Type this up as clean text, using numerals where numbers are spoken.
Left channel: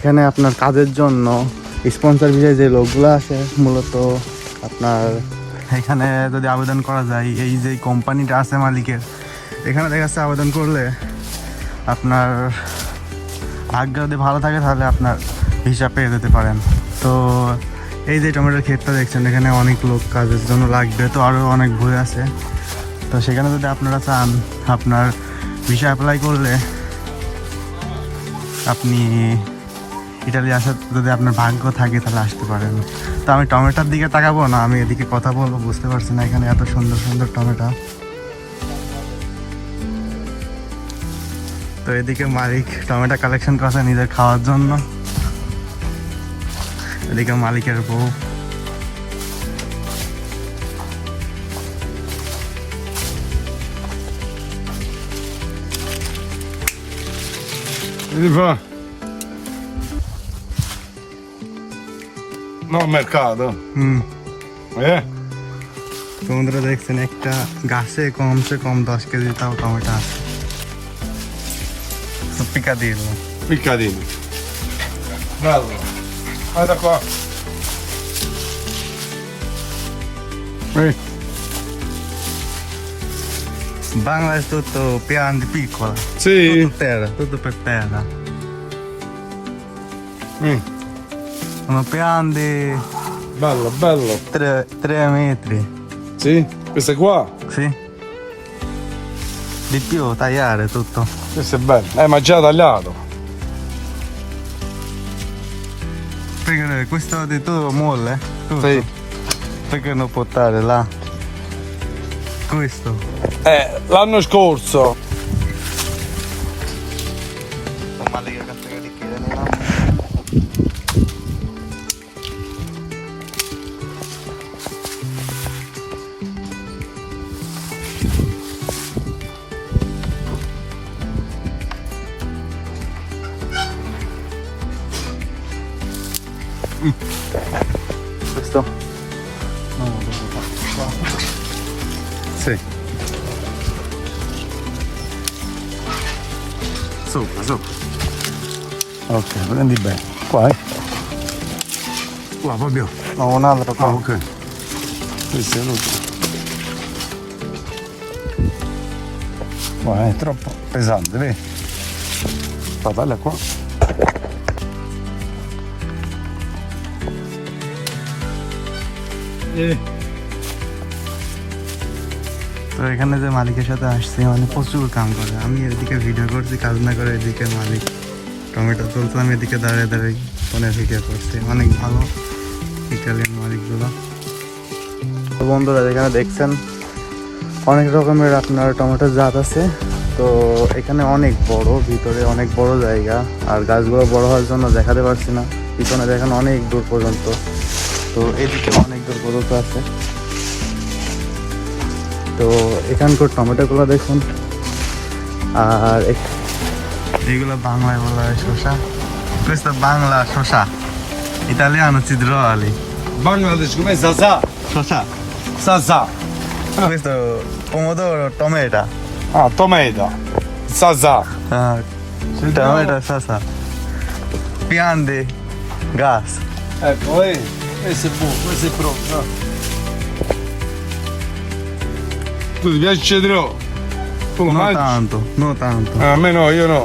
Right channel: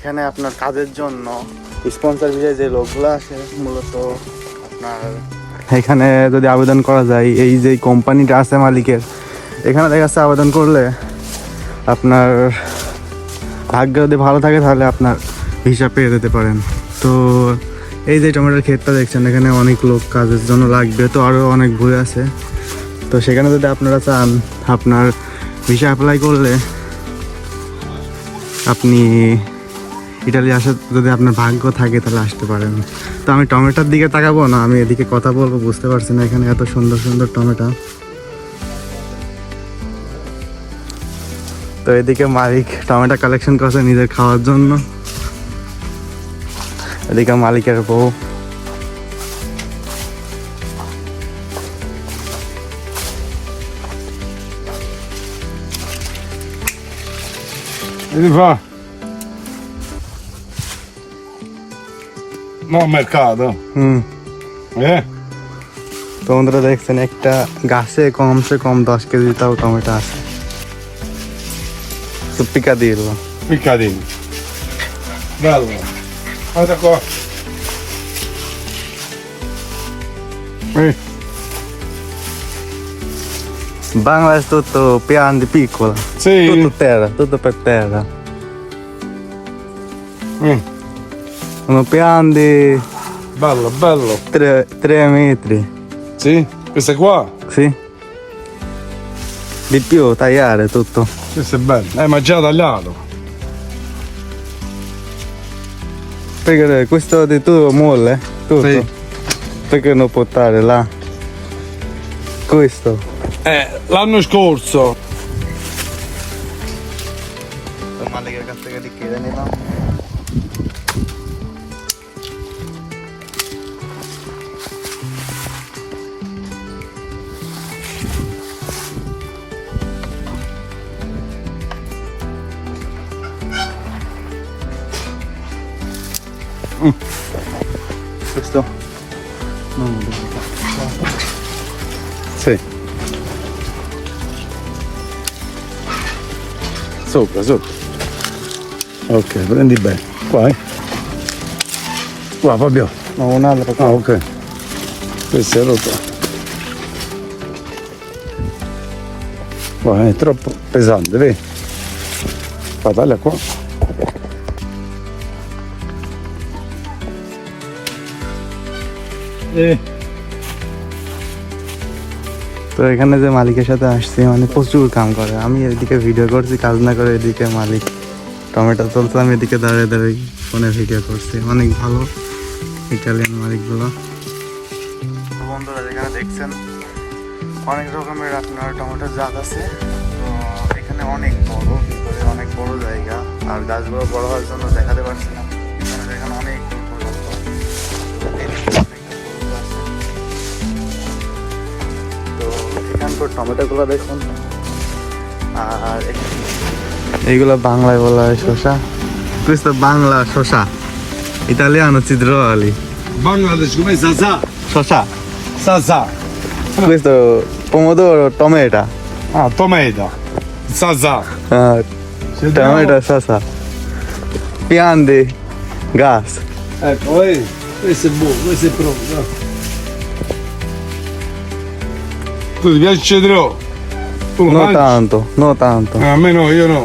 এখানে আপনার কাজের জন্য স্পন্সর ভিসায় যে লোকগুলো আসে মূলত আপনার এখানে যদি আবেদন করা যায়, এই যে কোম্পানিটা আছে মালিকের, এখানে দেখা যাচ্ছে আবেদন করলে আপনার ভাগ্য যদি ভালো থাকে তাহলে আপনার ভিসা পেয়ে যেতে পারেন। তো এই যে টমেটোর ক্ষেতটা দেখছেন, এখানে অনেক লোক কাজের জন্য লাগবে, তো আরও অনেক ভুল আছে। তো সেখানে যদি আপনারা চান আপনার ভিসা অ্যাপ্লাই করলে আপনি ইটালি আসার যদি আপনার ভাগ্য থাকে তাহলে আসতে পারেন। তো আমি টমেটোর দিকে তাকাবো না, আমি এদিকে কথা বলবো, বুঝতে পারছি না এখানে এত সুন্দর সুন্দর টমেটো। তো এদিকে মালিক টমেটো কালেকশন করছে নিজের খাওয়ার জন্য, এদিকে মালিকের বউ। Vedi qua. No, mercato. তো বন্ধুরা দেখছেন একটা গাছে কমসে কম 10 কেজি তাও টমেটো আছে। তো পিকা দিয়ে দিল। Piccadino. Bello. Guarda qua. Bangladesh tutto piano di piccola. Sì. Tutto terra, tutto per terra. Sono piani di Bello, bello. 3 metri. Sì? Questo è qua? Sì. Di più, tagliare tutto. Questo è bello. Ma già tagliato. Perché questo di tutto molle? Tutto? Sì. Perché non portare là? Questo. L'anno scorso. মালিকের কাছ থেকে কিনে নিলাম। Questo? No, Sì. Sopra, sopra. Ok, prendi bene. Qua, Qua, Fabio. no, un altro qua. Ah, ok. Questo è rotto. Qua è troppo pesante, vedi? Fa, taglia qua. তো এখানে যে মালিকের সাথে আসছি, মানে প্রচুর কাম করে। আমি এদিকে ভিডিও করছি, কাজ না করে এদিকে মালিক টমেটো তুলছে, আমি এদিকে দাঁড়িয়ে দাঁড়িয়ে ফোনে ভিডিও করছি। অনেক ভালো ইটালিয়ান মালিকগুলো। তো বন্ধুরা যেখানে দেখছেন অনেক রকমের আপনার টমেটোর জাত আছে। তো এখানে অনেক বড়, ভিতরে অনেক বড় জায়গা, আর গাছগুলো বড় হওয়ার জন্য দেখাতে পারছি না। পিছনে দেখেন অনেক দূর পর্যন্ত, তো এদিকে অনেক দূর পর্যন্ত আছে। তো এখানকার টমেটোগুলো দেখুন। আর এইগুলো বাংলায় বলা হয় শসা। questo বাংলা শসা, ইতালিয়ানো citroli. Bangladesh come Sasà. শসা। Sasà. questo pomodoro, tomato. Ah, tomato. Sasà. Tomato, শসা। piante, gas. Ecco, vedi? Questo è buono, questo è pronto. Tu ti piace il cedro? Tu lo No mangi? tanto, no tanto. A me no, io no.